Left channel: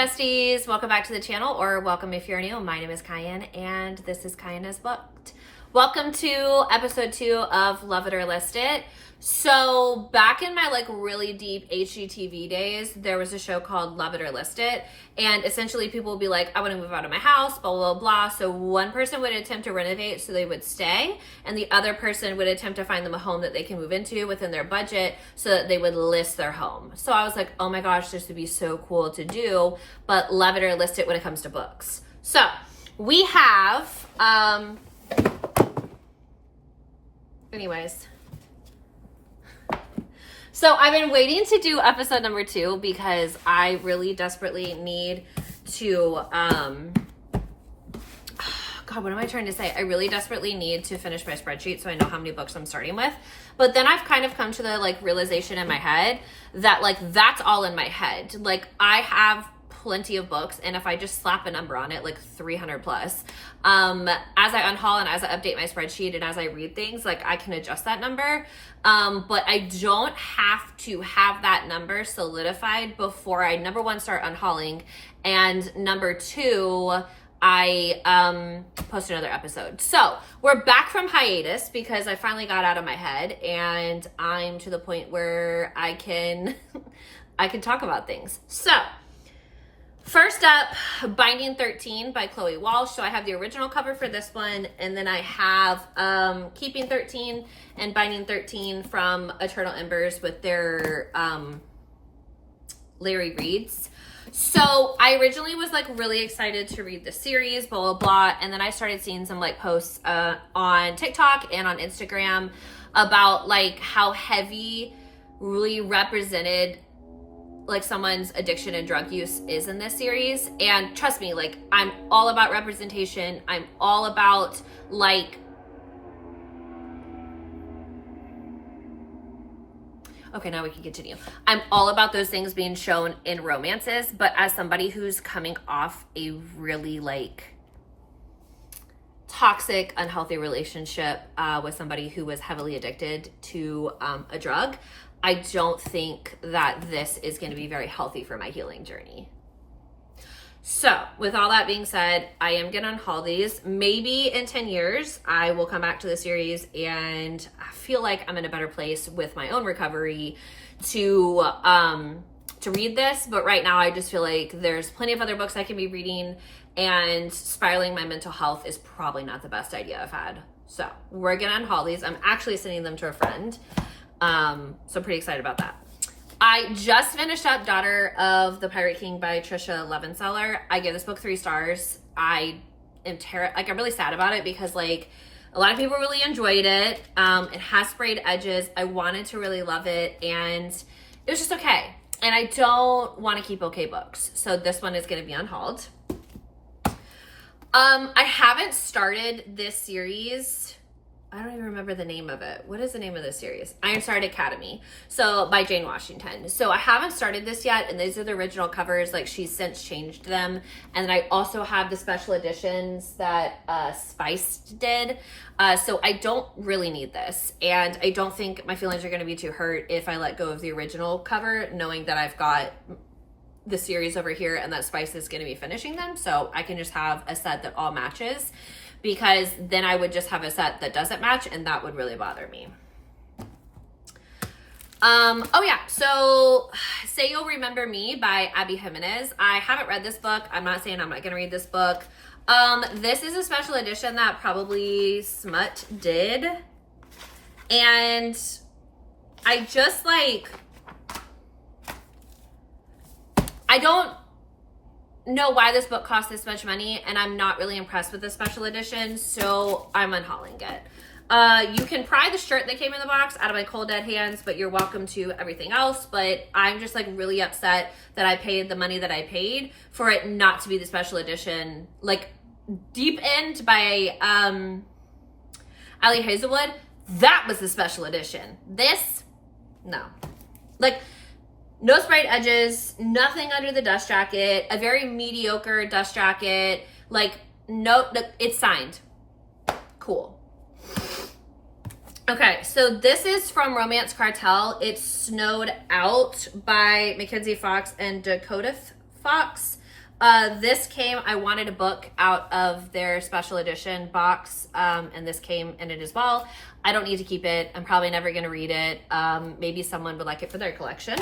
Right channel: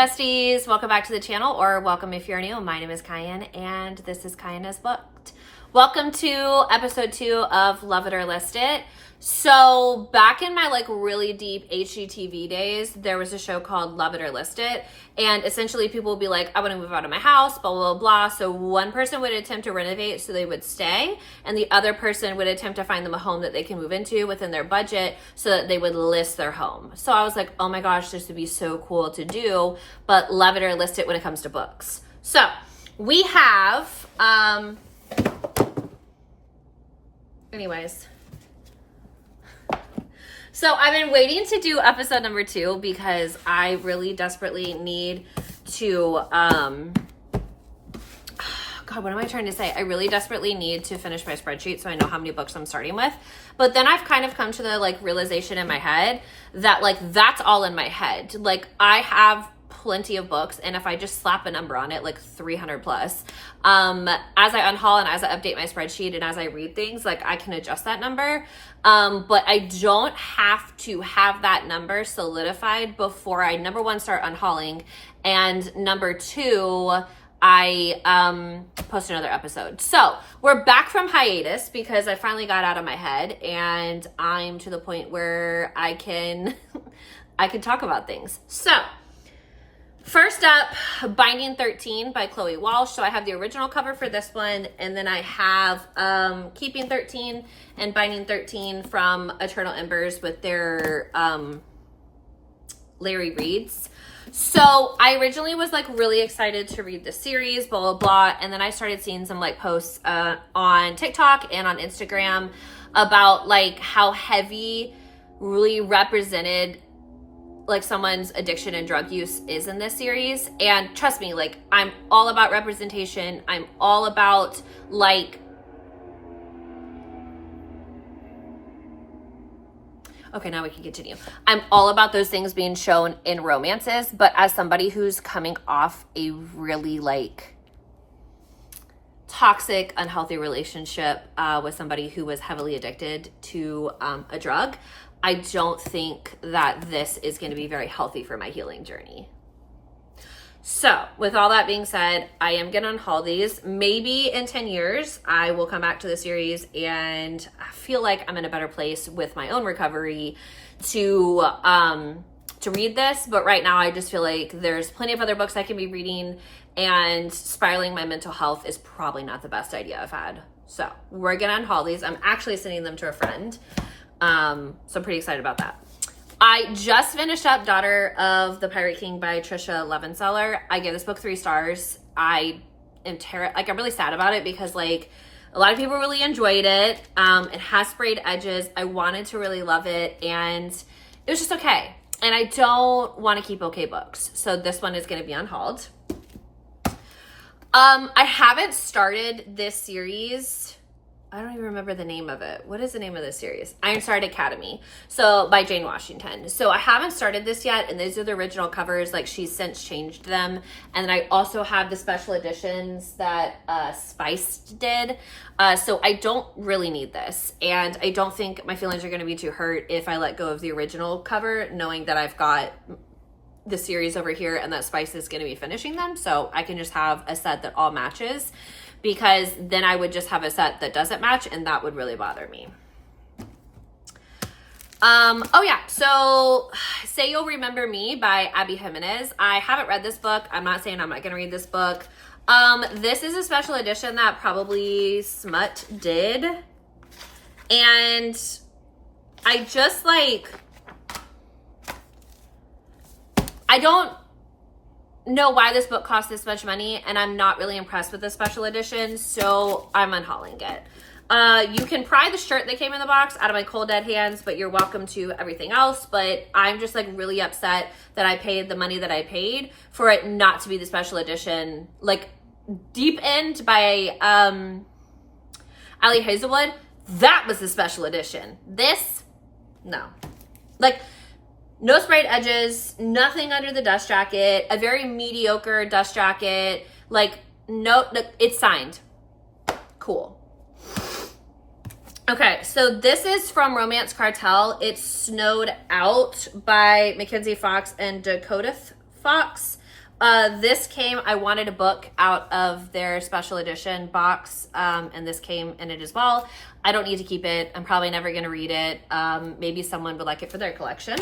besties, welcome back to the channel, or welcome if you're new. My name is Cayenne and this is Cayenne as Booked. Welcome to episode 2 of Love It or List It. So back in my really deep HGTV days, there was a show called Love It or List It, and essentially people would be like, I want to move out of my house, blah, blah, blah. So one person would attempt to renovate so they would stay, and the other person would attempt to find them a home that they can move into within their budget so that they would list their home. So I was like, oh my gosh, this would be so cool to do, but love it or list it when it comes to books. So we have, anyways. So I've been waiting to do episode number 2 because I really desperately need to, God, what am I trying to say? I really desperately need to finish my spreadsheet so I know how many books I'm starting with. But then I've kind of come to the realization in my head that that's all in my head. I have plenty of books, and if I just slap a number on it, 300 plus, as I unhaul and as I update my spreadsheet and as I read things, I can adjust that number. But I don't have to have that number solidified before I, number 1, start unhauling, and number 2, I post another episode. So we're back from hiatus because I finally got out of my head and I'm to the point where I can talk about things. So first up, Binding 13 by Chloe Walsh. So I have the original cover for this one, and then I have Keeping 13 and Binding 13 from Eternal Embers with their Larry Reads. So I originally was really excited to read the series, blah, blah, blah. And then I started seeing some posts on TikTok and on Instagram about how heavy really represented someone's addiction and drug use is in this series. And trust me, I'm all about representation. I'm all about okay, now we can continue. I'm all about those things being shown in romances, but as somebody who's coming off a really toxic, unhealthy relationship with somebody who was heavily addicted to a drug, I don't think that this is going to be very healthy for my healing journey. So with all that being said, I am going to unhaul these. Maybe in 10 years, I will come back to the series and I feel like I'm in a better place with my own recovery to read this. But right now I just feel like there's plenty of other books I can be reading, and spiraling my mental health is probably not the best idea I've had. So we're going to unhaul these. I'm actually sending them to a friend. So I'm pretty excited about that. I just finished up Daughter of the Pirate King by Trisha Levenseller. I give this book 3 stars. I'm really sad about it because a lot of people really enjoyed it. It has sprayed edges. I wanted to really love it, and it was just okay. And I don't want to keep okay books. So this one is going to be unhauled. I haven't started this series. I don't even remember the name of it. What is the name of this series? Ironside Academy. So by Jane Washington. So I haven't started this yet, and these are the original covers. She's since changed them. And then I also have the special editions that Spice did. So I don't really need this. And I don't think my feelings are going to be too hurt if I let go of the original cover, knowing that I've got the series over here and that Spice is going to be finishing them. So I can just have a set that all matches, because then I would just have a set that doesn't match, and that would really bother me. Oh yeah, so Say You'll Remember Me by Abby Jimenez. I haven't read this book. I'm not saying I'm not gonna read this book. This is a special edition that probably Smut did. And I just I don't know why this book cost this much money, and I'm not really impressed with the special edition, so I'm unhauling it. You can pry the shirt that came in the box out of my cold dead hands, but you're welcome to everything else. But I'm just really upset that I paid the money that I paid for it not to be the special edition. Deep End by Ali Hazelwood, that was the special edition. This, no. No sprayed edges, nothing under the dust jacket, a very mediocre dust jacket. No, it's signed. Cool. Okay, so this is from Romance Cartel. It's Snowed Out by Mackenzie Fox and Dakota Fox. This came, I wanted a book out of their special edition box, and this came in it as well. I don't need to keep it. I'm probably never going to read it. Maybe someone would like it for their collection.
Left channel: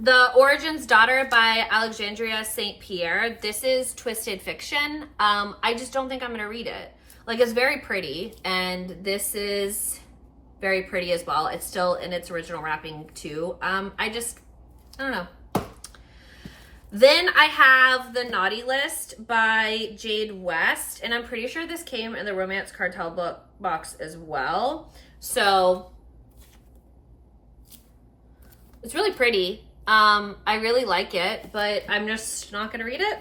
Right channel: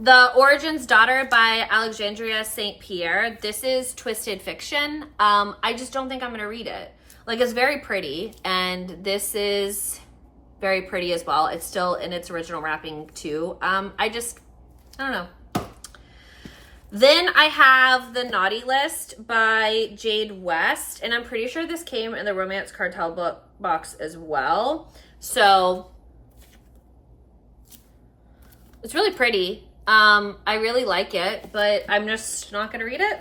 The Origin's Daughter by Alexandria St. Pierre. This is twisted fiction. I just don't think I'm going to read it. Like, it's very pretty, and this is very pretty as well. It's still in its original wrapping too. I don't know. Then I have The Naughty List by Jade West, and I'm pretty sure this came in the Romance Cartel book box as well. So it's really pretty. I really like it, but I'm just not going to read it.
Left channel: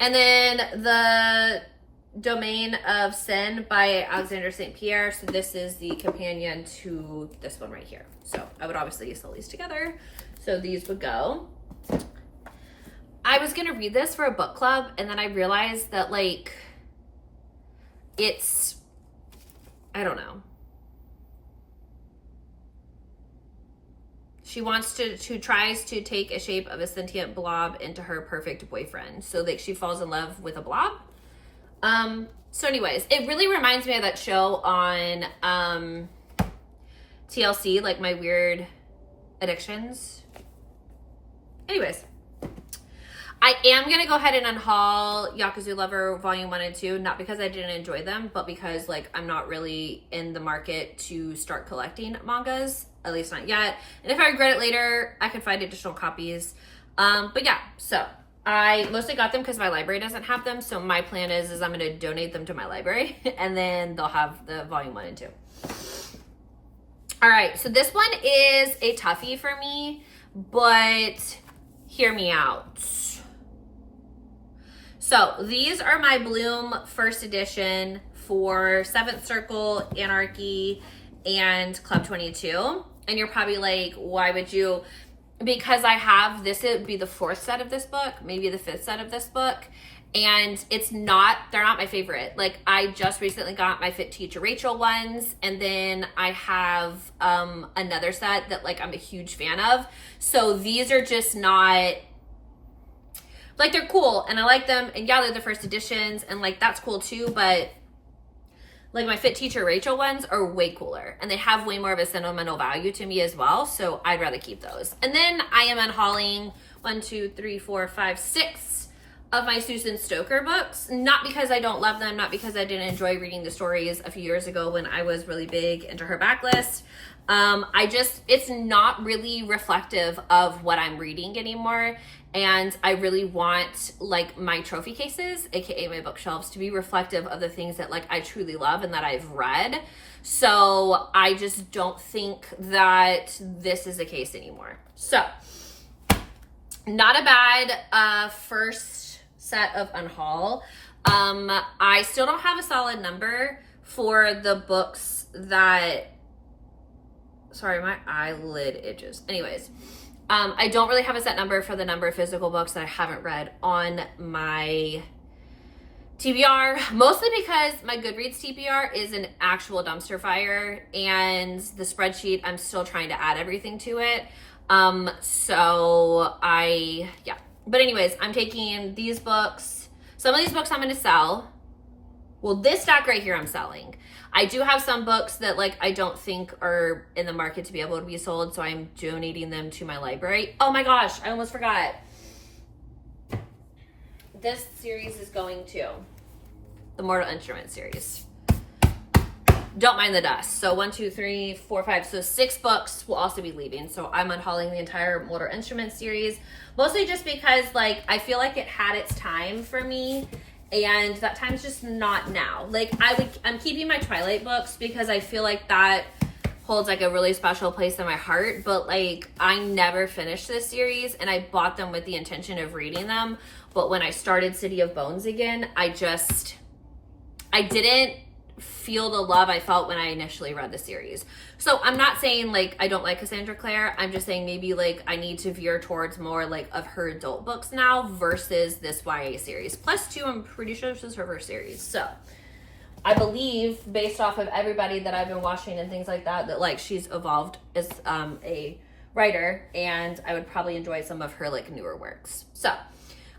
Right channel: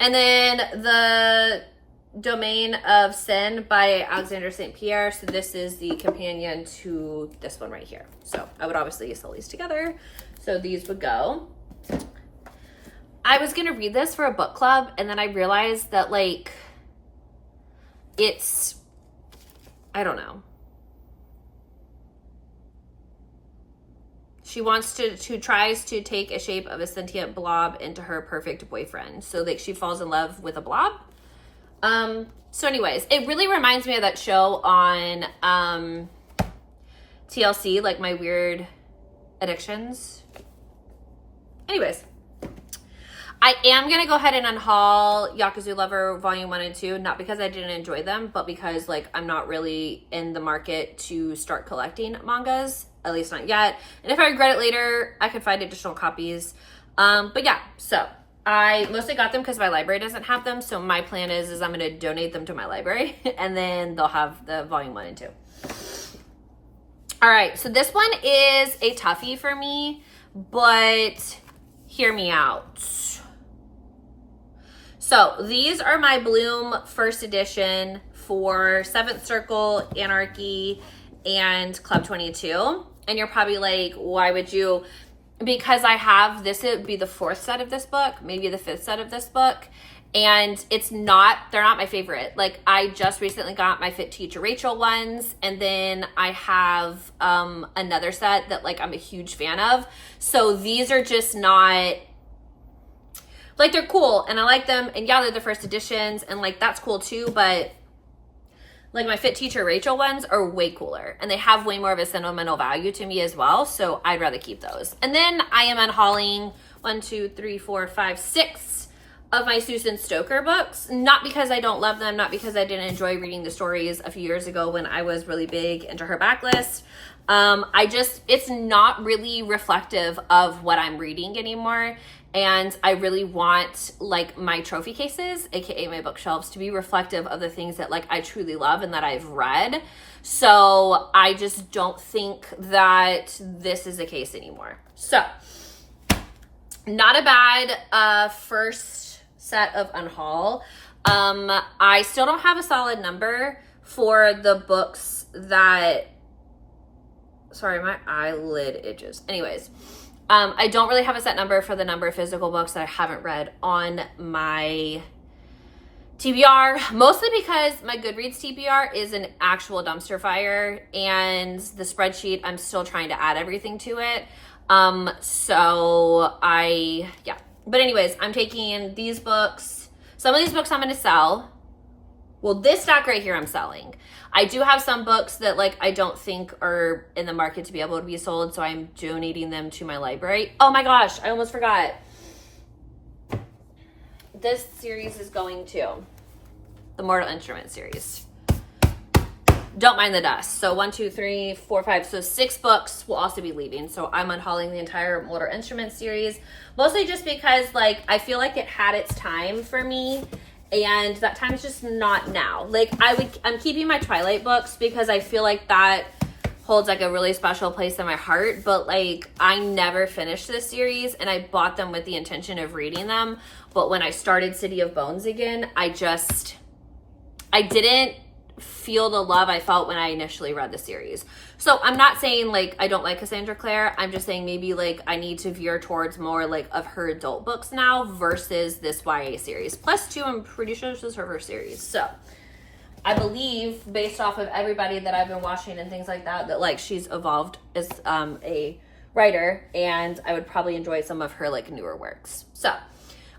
And then The Domain of Sin by Alexander St. Pierre. So this is the companion to this one right here. So I would obviously sell these together. So these would go. I was going to read this for a book club, and then I realized that, like, it's, I don't know. She tries to take a shape of a sentient blob into her perfect boyfriend. So, like, she falls in love with a blob. So anyways, it really reminds me of that show on TLC, like My Weird Addictions. Anyways, I am going to go ahead and unhaul Yakuza Lover Volume 1 and 2, not because I didn't enjoy them, but because, like, I'm not really in the market to start collecting mangas, at least not yet. And if I regret it later, I could find additional copies. But yeah, so I mostly got them because my library doesn't have them. So my plan is I'm going to donate them to my library, and then they'll have the Volume 1 and 2. All right, so this one is a toughie for me, but hear me out. So these are my Bloom first edition for 7th Circle, Anarchy, and Club 22. And you're probably like, why would you? Because I have this, it would be the 4th set of this book, maybe the 5th set of this book. And they're not my favorite. Like, I just recently got my Fit Teacher Rachel ones. And then I have another set that, like, I'm a huge fan of. So these are just not, like, they're cool and I like them, and yeah, they're the first editions, and, like, that's cool too, but, like, my Fit Teacher Rachel ones are way cooler, and they have way more of a sentimental value to me as well, so I'd rather keep those. And then I am unhauling 6 of my Susan Stoker books, not because I don't love them, not because I didn't enjoy reading the stories a few years ago when I was really big into her backlist. It's not really reflective of what I'm reading anymore. And I really want, like, my trophy cases, aka my bookshelves, to be reflective of the things that, like, I truly love and that I've read. So I just don't think that this is the case anymore. So, not a bad first set of Unhaul. I still don't have a solid number for the books that, sorry, my eyelid itches. Anyways, I don't really have a set number for the number of physical books that I haven't read on my TBR, mostly because my Goodreads TBR is an actual dumpster fire, and the spreadsheet, I'm still trying to add everything to it. Yeah. But anyways, I'm taking these books. Some of these books I'm going to sell. Well, this stack right here I'm selling. I do have some books that, like, I don't think are in the market to be able to be sold, so I'm donating them to my library. Oh my gosh, I almost forgot. This series is going to the Mortal Instruments series. Don't mind the dust. So 1, 2, 3, 4, 5. So 6 books will also be leaving. So I'm unhauling the entire Mortal Instruments series, mostly just because, like, I feel like it had its time for me. And that time's just not now. Like, I'm keeping my Twilight books because I feel like that holds, like, a really special place in my heart. But, like, I never finished this series, and I bought them with the intention of reading them. But when I started City of Bones again, I didn't feel the love I felt when I initially read the series. So I'm not saying, like, I don't like Cassandra Clare. I'm just saying maybe, like, I need to veer towards more, like, of her adult books now versus this YA series. Plus 2, I'm pretty sure this was her first series. So I believe, based off of everybody that I've been watching and things like that, that, like, she's evolved as a writer, and I would probably enjoy some of her like newer works. So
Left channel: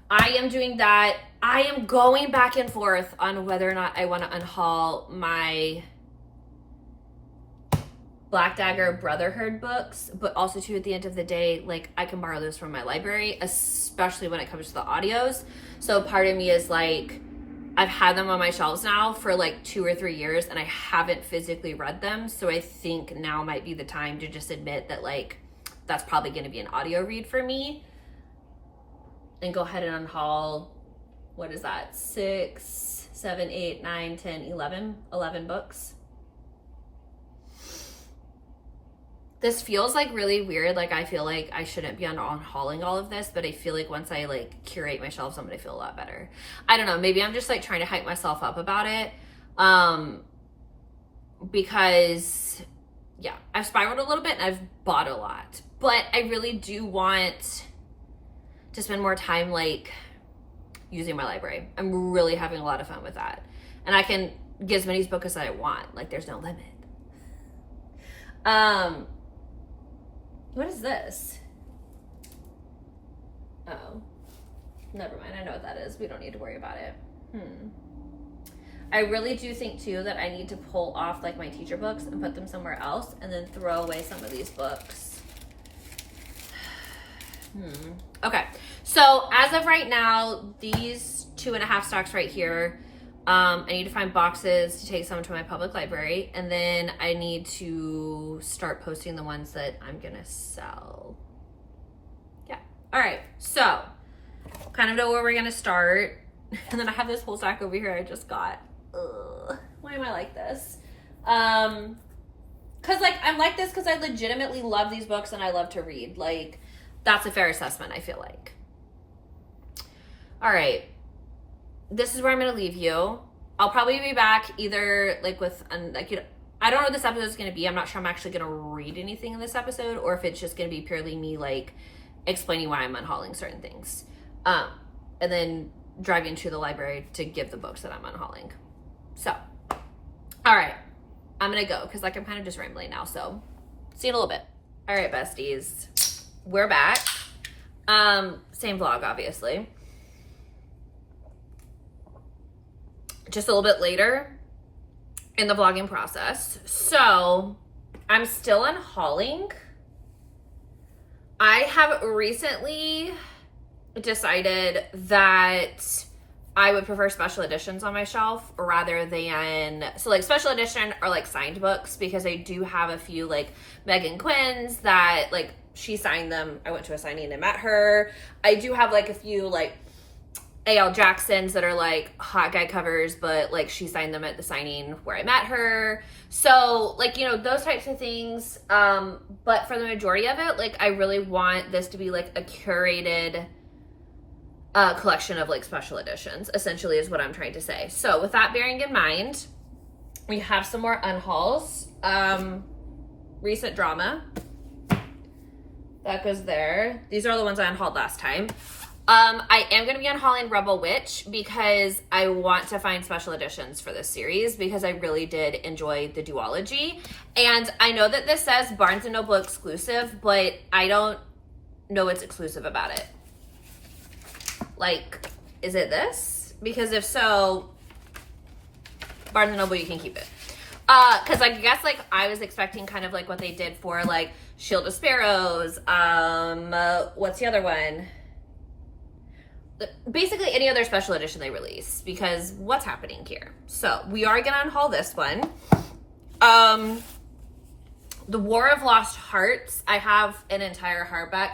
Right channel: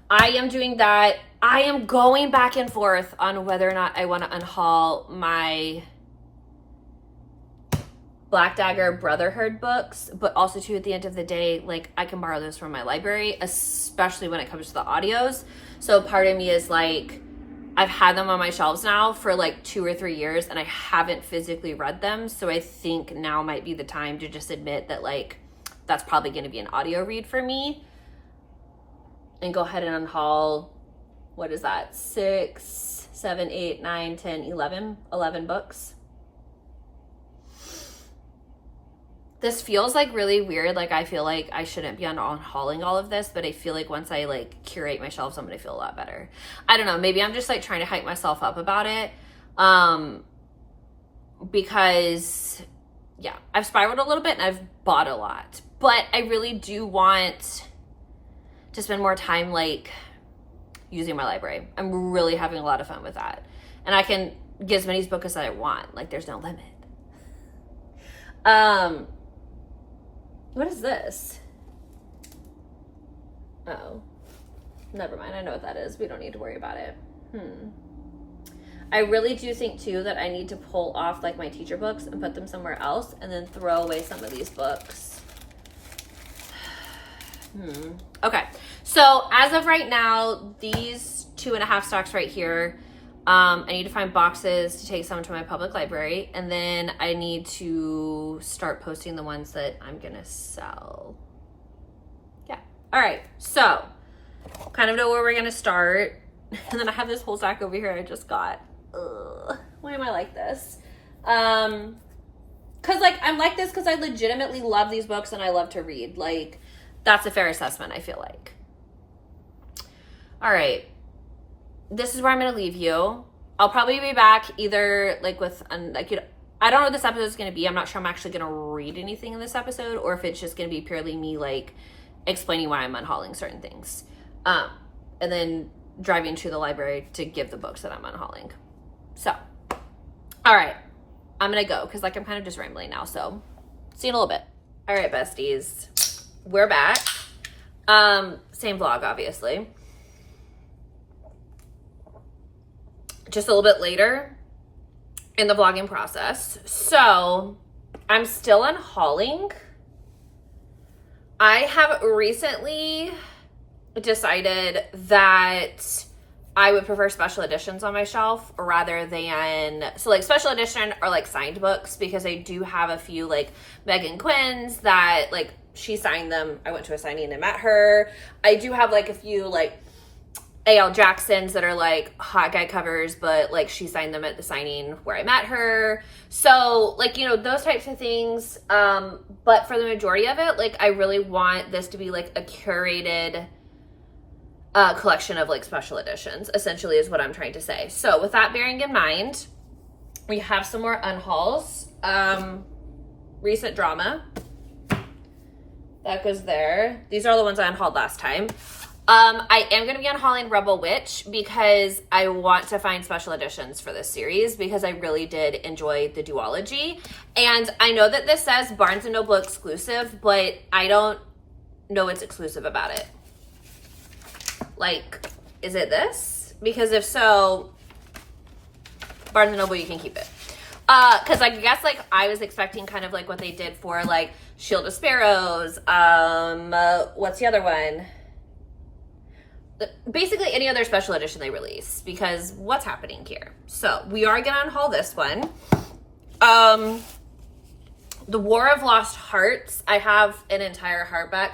I am doing that. I am going back and forth on whether or not I want to unhaul my Black Dagger Brotherhood books, but also too, at the end of the day, like, I can borrow those from my library, especially when it comes to the audios. So part of me is like, I've had them on my shelves now for like 2 or 3 years and I haven't physically read them. So I think now might be the time to just admit that like, that's probably going to be an audio read for me, and go ahead and unhaul, what is that? 6, 7, 8, 9, 10, 11 books. This feels like really weird. Like, I feel like I shouldn't be unhauling all of this, but I feel like once I like curate my shelves, I'm gonna feel a lot better. I don't know, maybe I'm just like trying to hype myself up about it. Because yeah, I've spiraled a little bit and I've bought a lot, but I really do want to spend more time like using my library. I'm really having a lot of fun with that. And I can get as many books as I want. Like, there's no limit. What is this? Oh, never mind. I know what that is. We don't need to worry about it. I really do think too that I need to pull off like my teacher books and put them somewhere else, and then throw away some of these books. Okay. So as of right now, these 2.5 stacks right here, I need to find boxes to take some to my public library, and then I need to start posting the ones that I'm gonna sell. Yeah. All right. So kind of know where we're gonna start. And then I have this whole stack over here I just got. Ugh, why am I like this? Cause like I'm like this because I legitimately love these books and I love to read. Like, that's a fair assessment, I feel like. All right. This is where I'm going to leave you. I'll probably be back either like with, like, I don't know what this episode is going to be. I'm not sure I'm actually going to read anything in this episode, or if it's just going to be purely me like explaining why I'm unhauling certain things. And then driving to the library to give the books that I'm unhauling. So, all right, I'm going to go because like I'm kind of just rambling now. So see you in a little bit. All right, besties, we're back. Same vlog, obviously. Just a little bit later in the vlogging process. So I'm still unhauling. I have recently decided that I would prefer special editions on my shelf rather than, so like special edition or like signed books, because I do have a few like Megan Quinn's that like she signed them. I went to a signing and met her. I do have like a few like A.L. Jackson's that are like hot guy covers, but like she signed them at the signing where I met her. So like, you know, those types of things. But for the majority of it, like I really want this to be like a curated collection of like special editions, essentially is what I'm trying to say. So with that bearing in mind, we have some more unhauls. Recent drama. That goes there. These are the ones I unhauled last time. I am going to be unhauling Rebel Witch because I want to find special editions for this series because I really did enjoy the duology. And I know that this says Barnes & Noble exclusive, but I don't know what's exclusive about it. Like, is it this? Because if so, Barnes & Noble, you can keep it. Because I guess like I was expecting kind of like what they did for like Shield of Sparrows. What's the other one? Basically any other special edition they release, because what's happening here? So we are gonna unhaul this one. The War of Lost Hearts. I have an entire hardback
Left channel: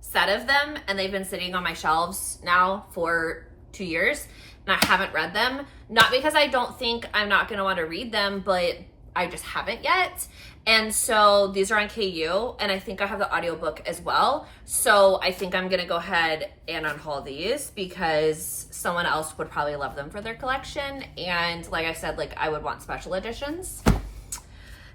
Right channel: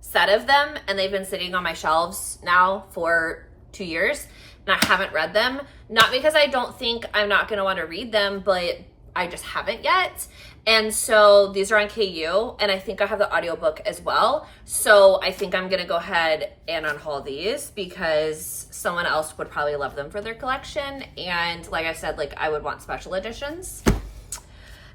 set of them, and they've been sitting on my shelves now for 2 years, and I haven't read them. Not because I don't think I'm not gonna want to read them, but I just haven't yet. And so these are on KU, and I think I have the audiobook as well. So I think I'm gonna go ahead and unhaul these because someone else would probably love them for their collection. And like I said, like I would want special editions.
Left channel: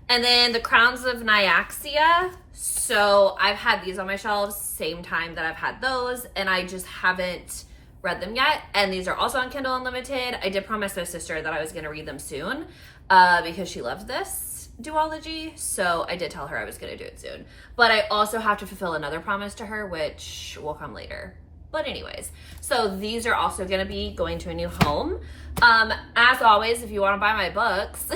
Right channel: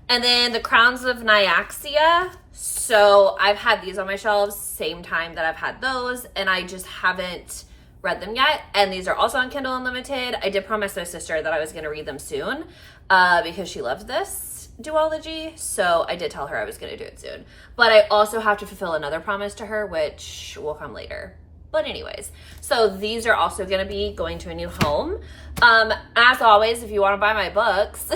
And then the Crowns of Nyaxia. So I've had these on my shelves same time that I've had those, and I just haven't read them yet. And these are also on Kindle Unlimited. I did promise my sister that I was gonna read them soon because she loved this. duology, so I did tell her I was going to do it soon. But I also have to fulfill another promise to her, which will come later. But anyways, so these are also going to be going to a new home. As always, if you want to buy my books,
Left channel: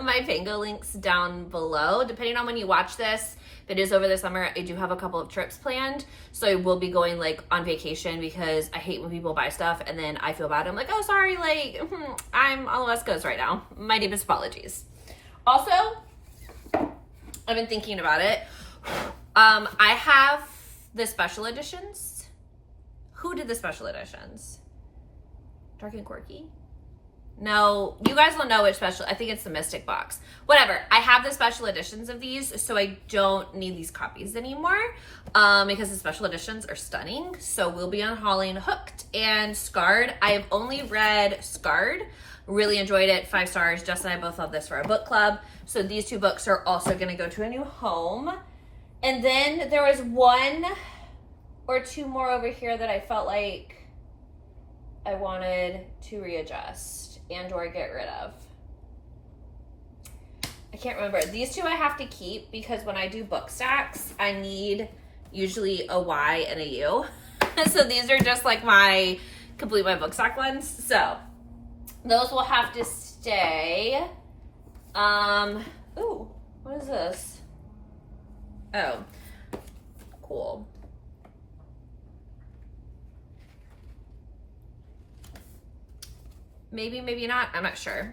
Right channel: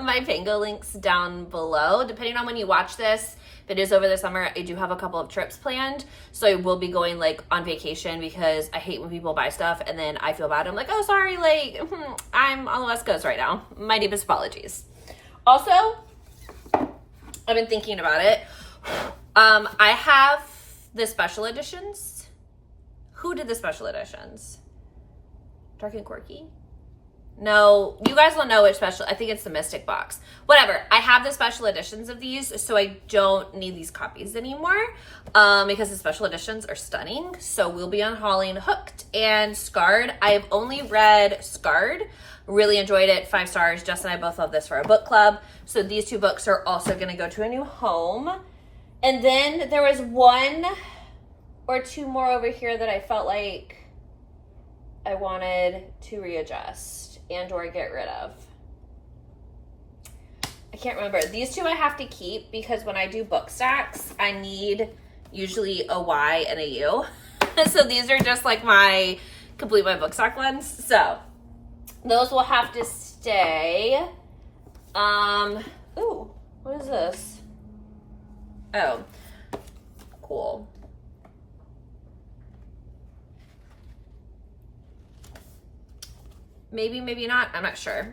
my Pango links down below. Depending on when you watch this, if it is over the summer, I do have a couple of trips planned. So I will be going like on vacation because I hate when people buy stuff and then I feel bad. I'm like, oh, sorry, like I'm on the West Coast right now. My deepest apologies. Also, I've been thinking about it. I have the special editions. Who did the special editions? Dark and Quirky? No, you guys will know which special. I think it's the Mystic box. Whatever. I have the special editions of these, so I don't need these copies anymore because the special editions are stunning. So we'll be unhauling Hooked and Scarred. I have only read Scarred. Really enjoyed it. 5 stars. Jess and I both love this for our book club. So these 2 books are also going to go to a new home. And then there was 1 or 2 more over here that I felt like I wanted to readjust and or get rid of. I can't remember. These 2 I have to keep because when I do book stacks, I need usually a Y and a U. So these are just like my complete my book stack ones. So those will have to stay. Ooh, what is this? Oh, cool. Maybe, maybe not. I'm not sure.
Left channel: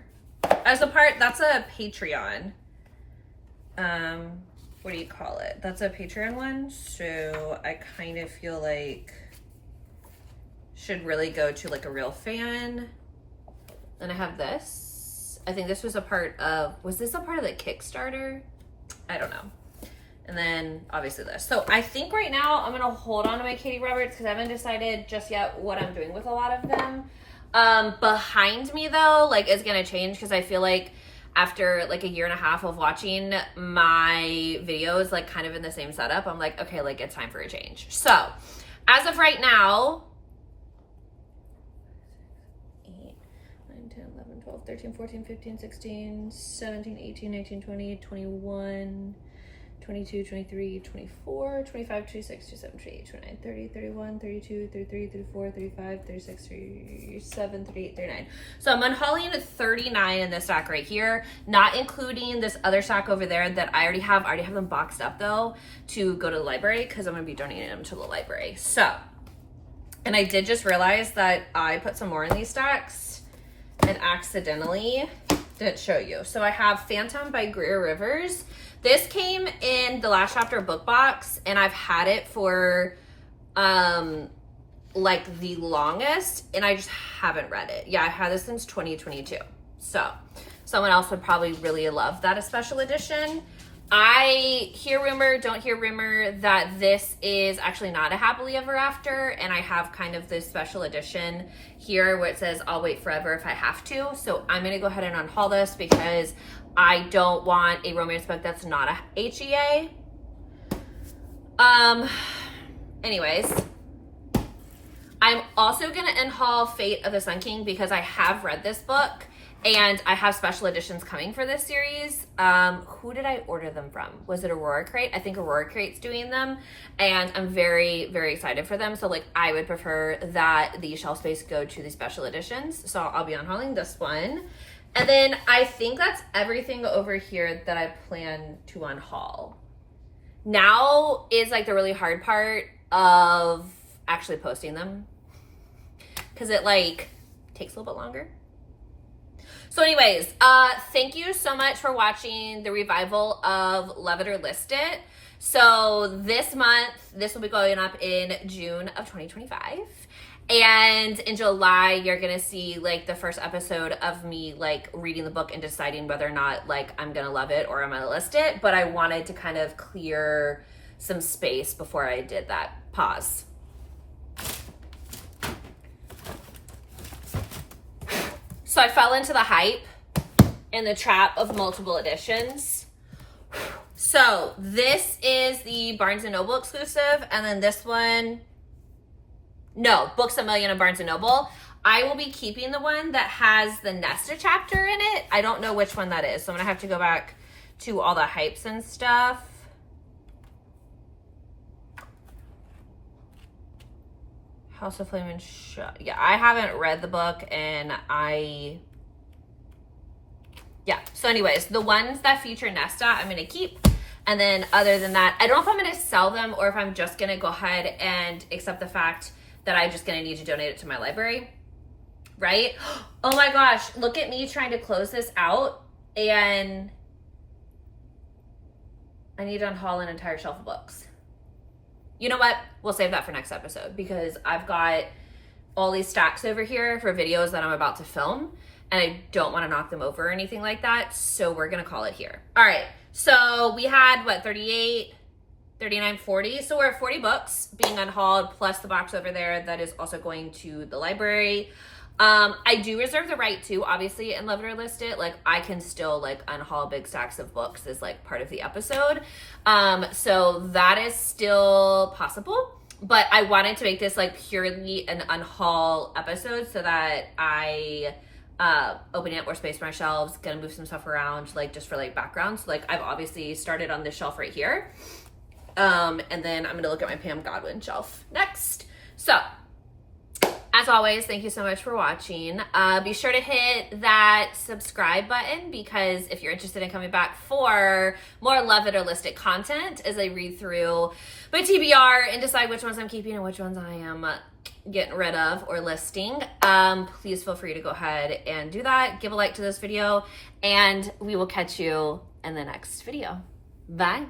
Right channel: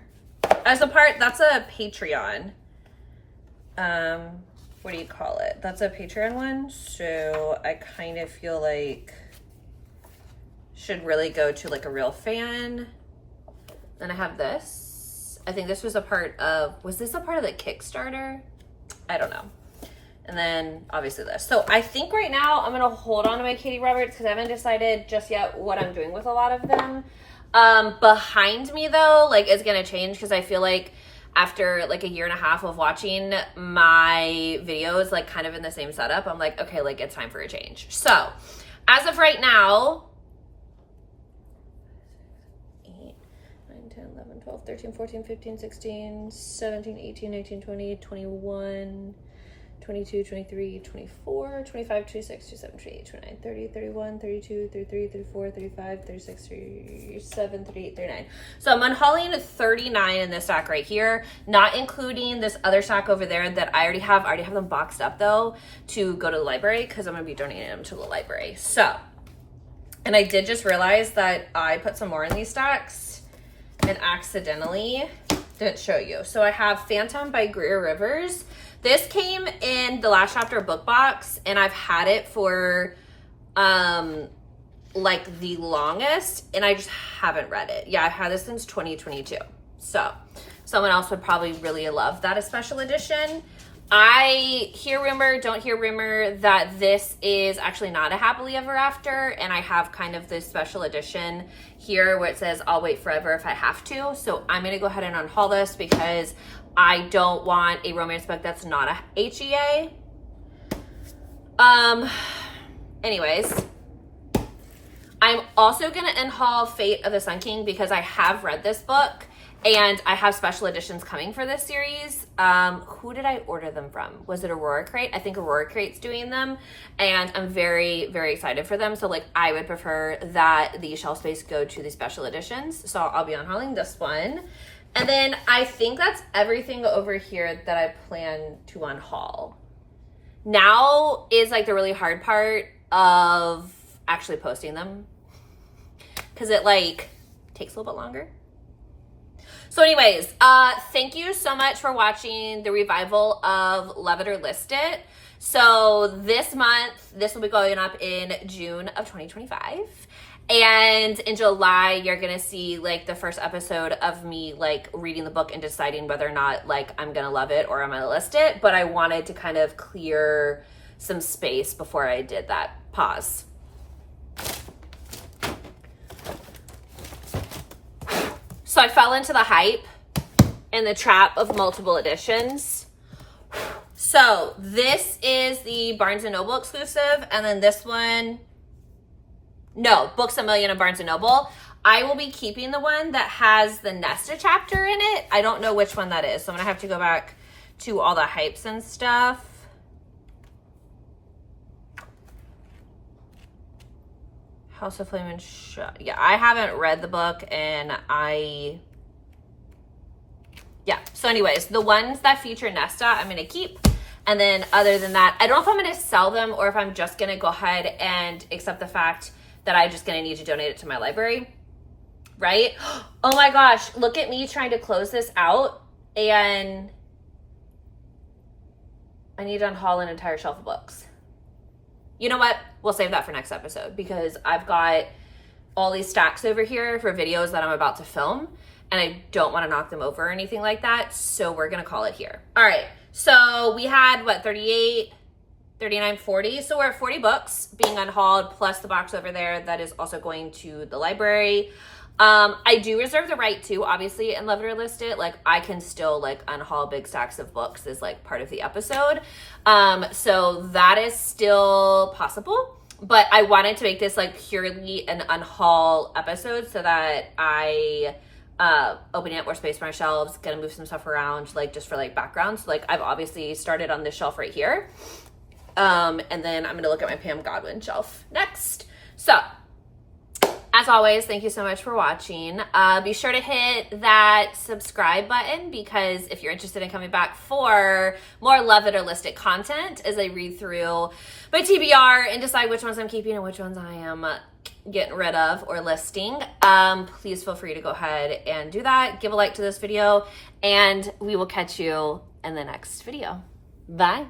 As a part, that's a Patreon. What do you call it? That's a Patreon one. So I kind of feel like should really go to like a real fan. Then I have this. I think this was a part of, was this a part of the Kickstarter? I don't know. And then obviously this. So I think right now I'm going to hold on to my Katie Roberts because I haven't decided just yet what I'm doing with a lot of them. Behind me though, like it's gonna change because I feel like after like a year and a half of watching my videos like kind of in the same setup, I'm like, okay, like it's time for a change. So as of right now, 8, 9, 10, 11, 12, 13, 14, 15, 16, 17, 18, 19, 20, 21, 22, 23, 24, 25, 26, 27, 28, 29, 30, 31, 32, 33, 34, 35, 36, 37, 38, 39. So I'm unhauling 39 in this stack right here, not including this other stack over there that I already have. I already have them boxed up though to go to the library because I'm going to be donating them to the library. So, and I did just realize that I put some more in these stacks and accidentally didn't show you. So I have Phantom by Greer Rivers. This came in the last chapter book box and I've had it for like the longest and I just haven't read it. Yeah, I've had this since 2022. So someone else would probably really love that, a special edition. I hear rumor, don't hear rumor that this is actually not a happily ever after, and I have kind of this special edition here where it says I'll wait forever if I have to. So I'm gonna go ahead and unhaul this because I don't want a romance book that's not a HEA. Anyways, I'm also gonna unhaul Fate of the Sun King because I have read this book and I have special editions coming for this series. Who did I order them from? Was it Aurora Crate? I think Aurora Crate's doing them and I'm very, very excited for them. So like I would prefer that the shelf space go to the special editions. So I'll be unhauling this one. And then I think that's everything over here that I plan to unhaul. Now is like the really hard part of actually posting them because it like takes a little bit longer. So anyways, thank you so much for watching the revival of Love It or List It. So this month, this will be going up in June of 2025. And in July, you're gonna see like the first episode of me like reading the book and deciding whether or not like I'm gonna love it or I'm gonna list it. But I wanted to kind of clear some space before I did that. Pause. So I fell into the hype and the trap of multiple editions. So this is the Barnes & Noble exclusive, and then this one, no, Books A Million and Barnes & Noble. I will be keeping the one that has the nested chapter in it. I don't know which one that is, so I'm gonna have to go back to all the hypes and stuff. House of Flame and Shut. Yeah, I haven't read the book, and yeah. So anyways, the ones that feature Nesta, I'm going to keep. And then other than that, I don't know if I'm going to sell them or if I'm just going to go ahead and accept the fact that I'm just going to need to donate it to my library. Right? Oh my gosh, look at me trying to close this out, and I need to unhaul an entire shelf of books. You know what? We'll save that for next episode, because I've got all these stacks over here for videos that I'm about to film, and I don't want to knock them over or anything like that. So we're going to call it here. All right. So we had what, 38, 39, 40. So we're at 40 books being unhauled, plus the box over there that is also going to the library. I do reserve the right to, obviously, and Love It or List It. Like, I can still, like, unhaul big stacks of books as, like, part of the episode. So that is still possible. But I wanted to make this, like, purely an unhaul episode so that I open up more space for my shelves, gonna move some stuff around, like, just for, like, backgrounds. Like, I've obviously started on this shelf right here. And then I'm gonna look at my Pam Godwin shelf next. So, as always, thank you so much for watching. Be sure to hit that subscribe button, because if you're interested in coming back for more Love It or List It content as I read through my TBR and decide which ones I'm keeping and which ones I am getting rid of or listing, please feel free to go ahead and do that. Give a like to this video, and we will catch you in the next video. Bye.